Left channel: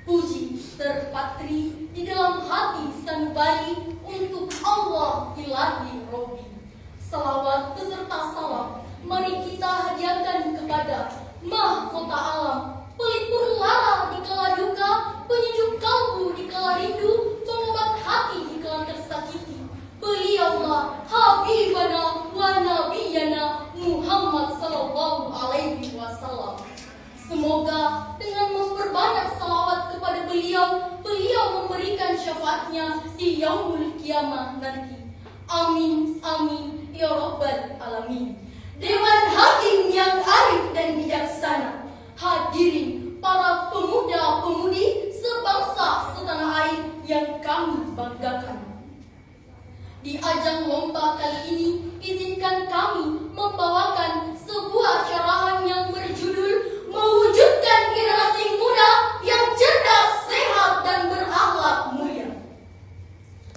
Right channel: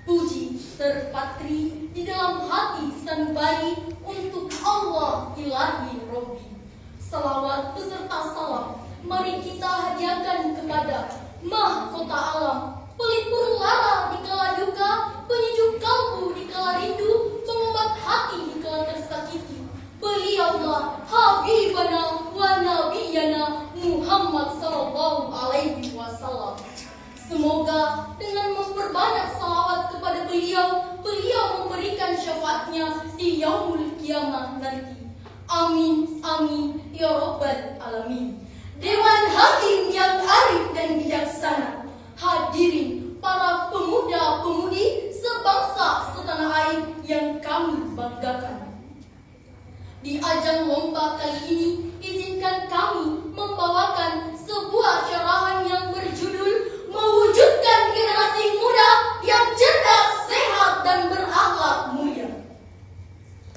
Puji terpatri di dalam hati sanubari untuk Allah ilahi Robbi. Salawat beserta salam mari kita hadiahkan kepada mahkota alam, pelipur lara di kala duka, penyejuk kalbu di kala rindu, pengobat hati di kala tersakiti. Beliaulah Habibana wa Nabiyana Muhammad sallallahu alaihi wasallam. Semoga dengan memperbanyak salawat kepada beliau, beliau memberikan syafaatnya di yaumul kiamah nanti. Amin, amin, ya Rabbal Alamin. Dewan Hakim yang arif dan bijaksana, hadirin para pemuda-pemudi sebangsa setanah air yang kami banggakan. Di ajang lomba kali ini, izinkan kami membawakan sebuah carahan yang berjudul mewujudkan generasi muda yang cerdas, sehat, dan berakhlak mulia.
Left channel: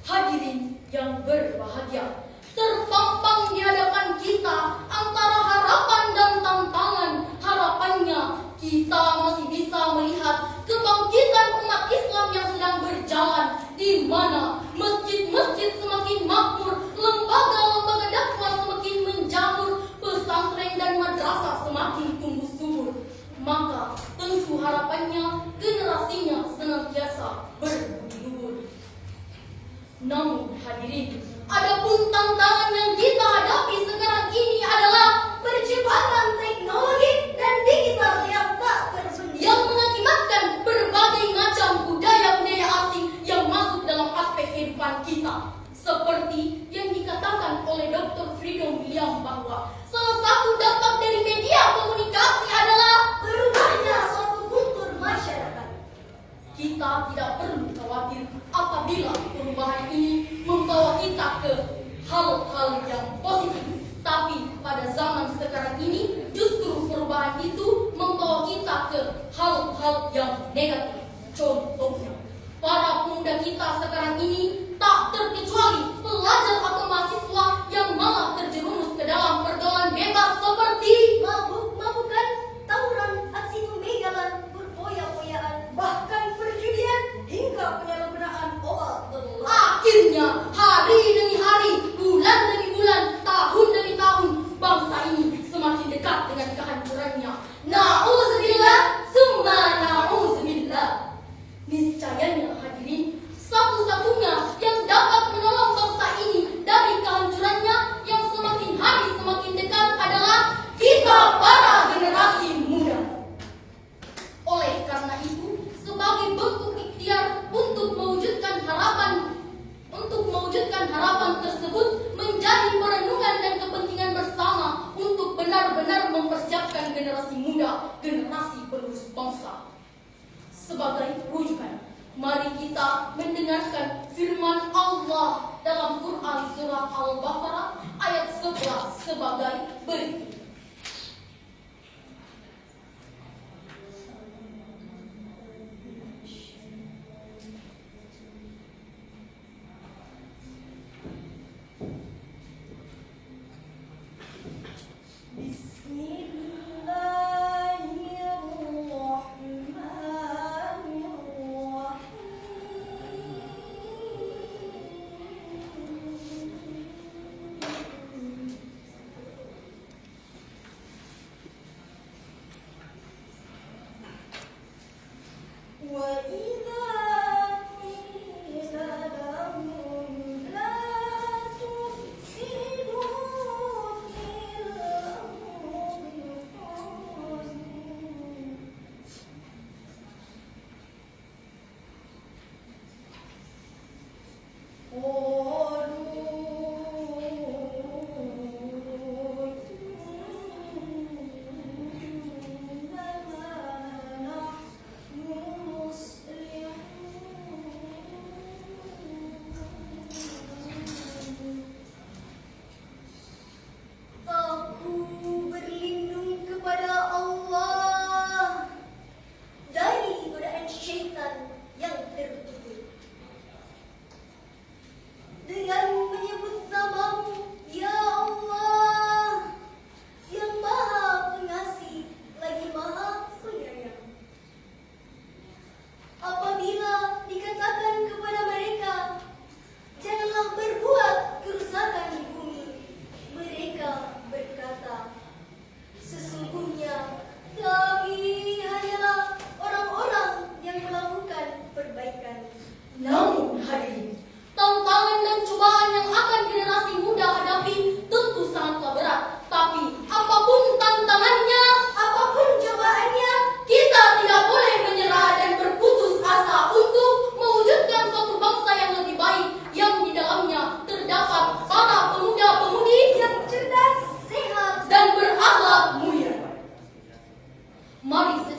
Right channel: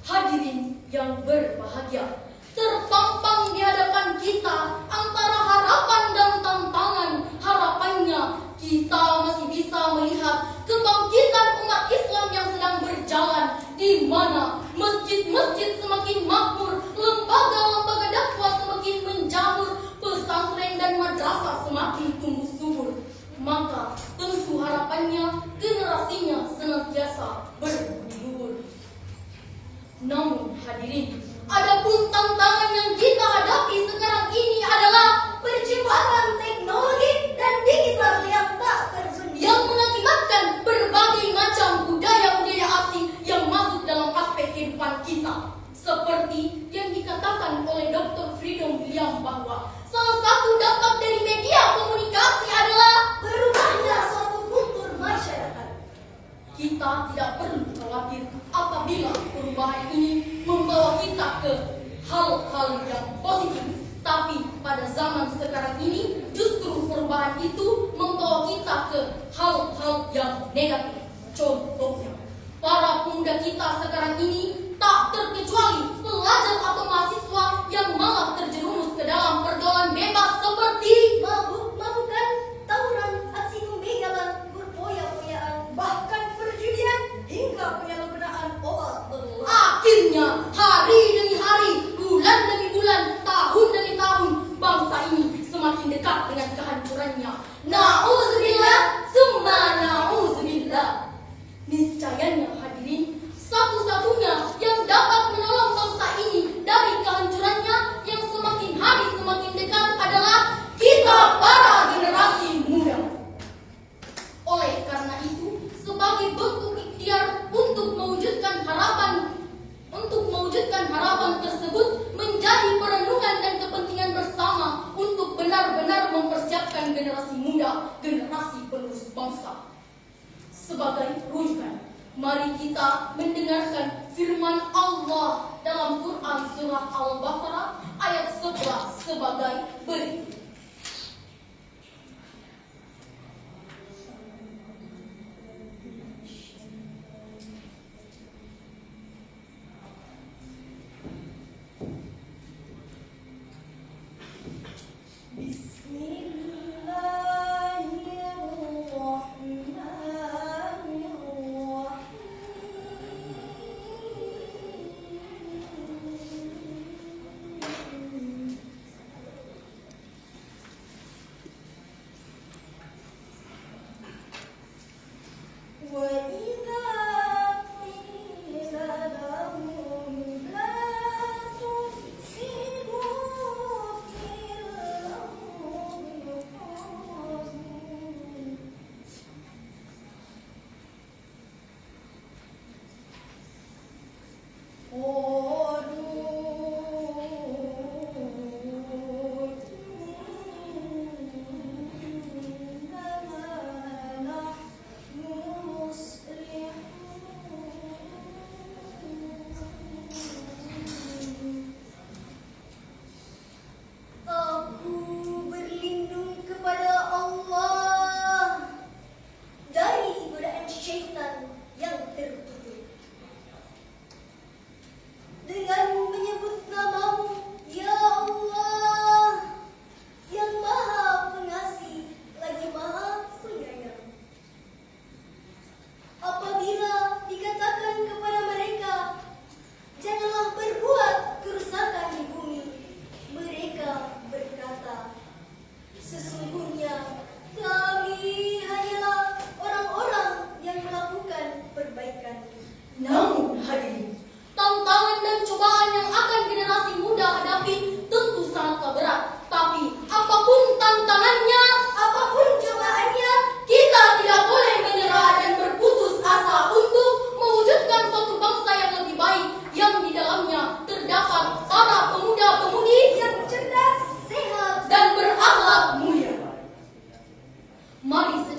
Hadirin yang berbahagia, terpampang di hadapan kita antara harapan dan tantangan. Harapannya kita masih bisa melihat kebangkitan umat Islam yang sedang berjalan, di mana masjid-masjid semakin makmur, lembaga-lembaga dakwah semakin menjamur, pesantren dan madrasah semakin tumbuh subur. Maka tentu harapannya generasinya senantiasa berbudi luhur. Namun hadirin, adapun tantangan yang kita hadapi sekarang ini adalah percepatan teknologi dan digital yang tak tersedia, yang mengakibatkan berbagai macam budaya-budaya asing yang masuk dalam aspek kehidupan kita. Seperti yang dikatakan oleh Dr. Freedom William bahwa salah satu dampak dari media komunikasi adalah berubahnya suatu kultur masyarakat. Kita tidak perlu khawatir apabila perubahan ini membawa kita ke hal-hal yang positif. Tapi pada zaman sekarang ini justru perubahan itu membawa kita ke hal-hal yang negatif. Contohnya, para pemuda kita sekarang ini tak terkecuali pelajar atau mahasiswa yang malah terjerumus ke dalam pergaulan bebas seperti mabuk-mabukan, tawuran, aksi pembegalan, berfoya-foyaan, bahkan perjudian hingga penyalahgunaan obat terlarang. Akhirnya hari demi hari, bulan demi bulan, tahun demi tahun, bangsa ini semakin dekat dengan kehancurannya. Na'udzubillah, summa na'udzubillah. Niscayanya hadirin, satu-satunya yang dapat menolong bangsa ini dari kehancurannya yang semakin hari semakin dekat adalah kita para generasi muda. Oleh karena itu, sebagai bentuk ikhtiar untuk mewujudkan harapan tersebut menjadi perenungan dan kepentingan bersama untuk benar-benar mempersiapkan generasi muda, generasi penerus bangsa. Sebagai rujukan, mari kita mendengarkan firman Allah dalam Quran surah Al-Baqarah ayat 11 sebagai berikut.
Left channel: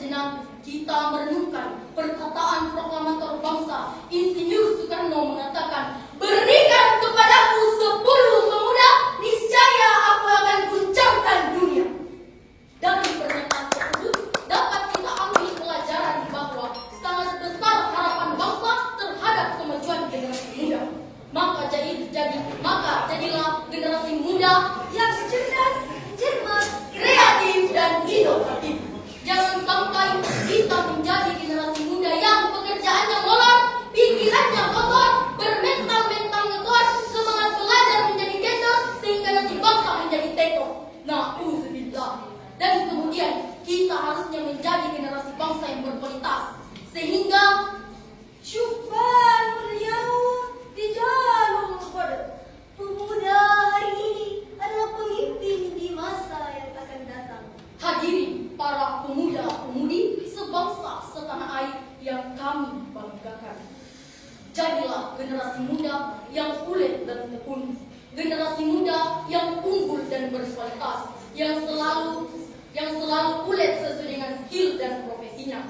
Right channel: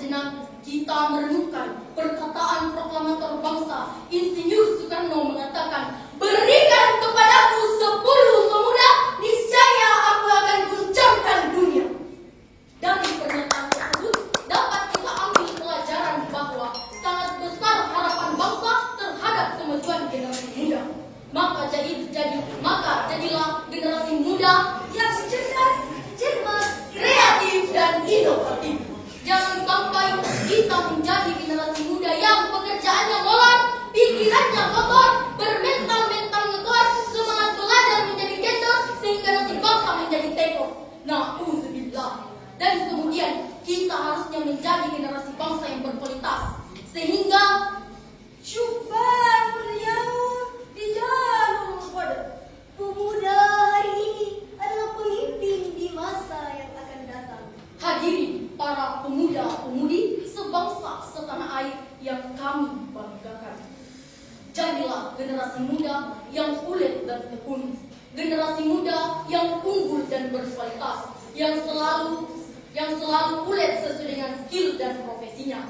sejenak kita merenungkan perkataan proklamator bangsa Insinyur Soekarno mengatakan, "Berikan kepadaku 10 pemuda, niscaya aku akan guncangkan dunia." Dari pernyataan tersebut dapat kita ambil pelajaran bahwa sangat besar harapan bangsa terhadap kemajuan generasi muda. Maka jadilah generasi muda yang cerdas, cermat, kreatif, dan inovatif. Jangan sampai kita menjadi generasi muda yang pekerjaannya molor, pikirannya kotor, bermental-mental ngetor, semangat belajar menjadi gender, sehingga nasib bangsa menjadi teko. Na'udzubillah. Dan kemudian kita harusnya menjadi generasi bangsa yang berkualitas, sehingga Syubhanul yaum rijalul qadr. Pemuda hari ini adalah pemimpin di masa yang akan datang. hadirin para pemuda-pemudi sebangsa setanah air yang kami banggakan. Jadilah generasi muda yang ulet dan tekun, generasi muda yang unggul dan berkualitas, yang selalu ulet sesuai dengan skill dan profesinya.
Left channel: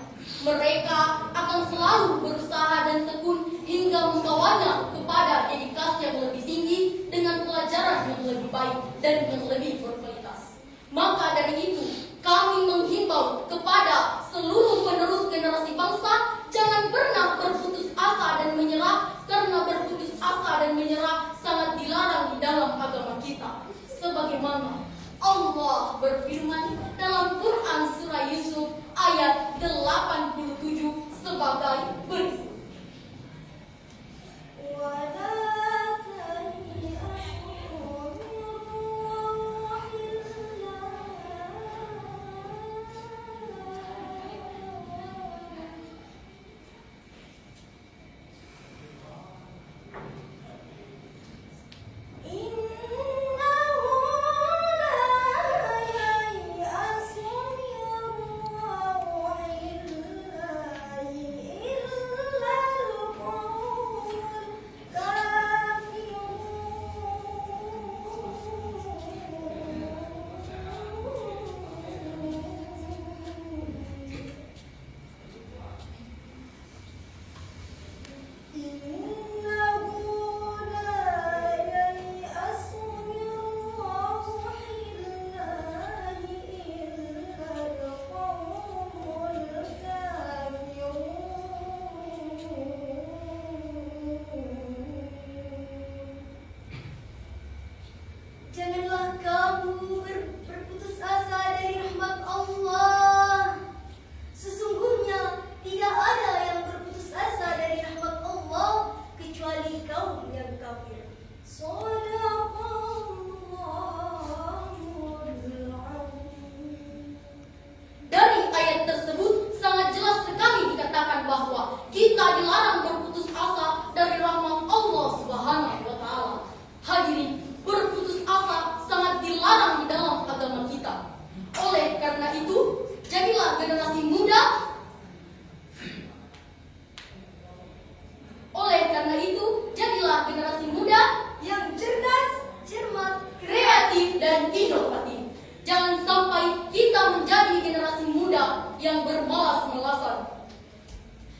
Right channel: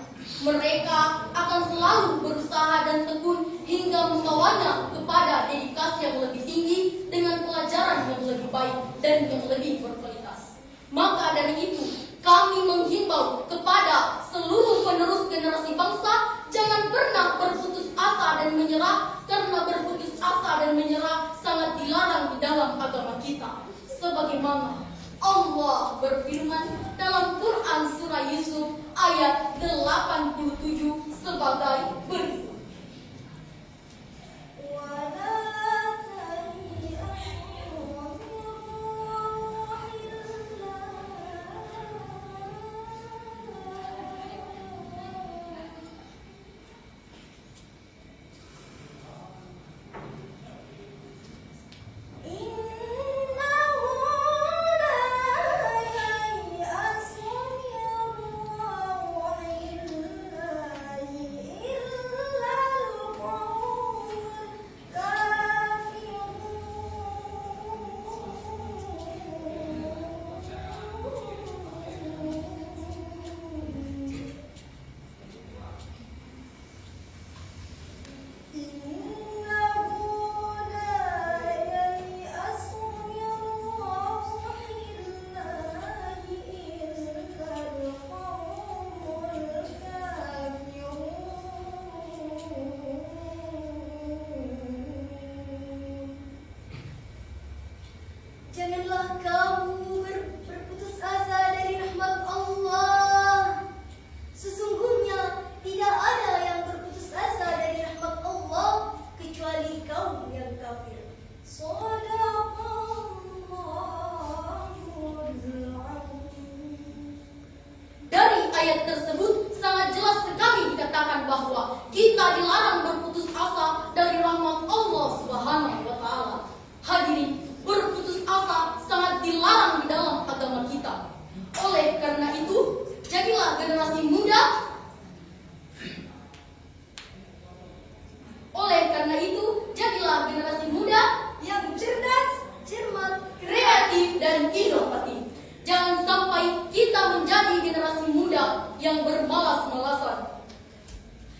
Mereka akan selalu berusaha dan tekun hingga membawanya kepada dedikasi yang lebih tinggi dengan pelajaran yang lebih baik dan yang lebih berkualitas. Maka dari itu, kami menghimbau kepada seluruh penerus generasi bangsa, jangan pernah berputus asa dan menyerah, karena berputus asa dan menyerah sangat dilarang di dalam agama kita. Sebagaimana Allah berfirman dalam Quran surah Yusuf ayat 87 sebagai berikut. Janganlah kamu berputus asa dari rahmat Allah. Sesungguhnya tidak ada yang berputus asa dari rahmat Allah kecuali kaum yang kafir. Dari ayat tersebut sangat jelas sekali dikatakan bahwa kita dilarang berputus asa dari rahmat Allah Subhanahu wa taala. Hadirin, berputus asa sangat dilarang di dalam agama kita. Oleh karena itu, jadilah generasi muda. Yang cerdas, cermat, Kreatif dan inovatif. Jangan sampai kita menjadi generasi muda yang bermalas-malasan.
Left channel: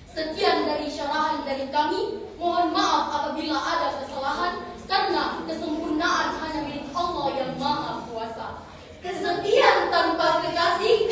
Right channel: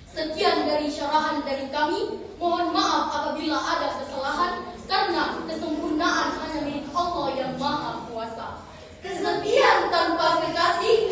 Sekian dari syarahan dari kami. Mohon maaf apabila ada kesalahan, karena kesempurnaan hanya milik Allah yang Maha Kuasa. Kesetiaan tanpa kekasih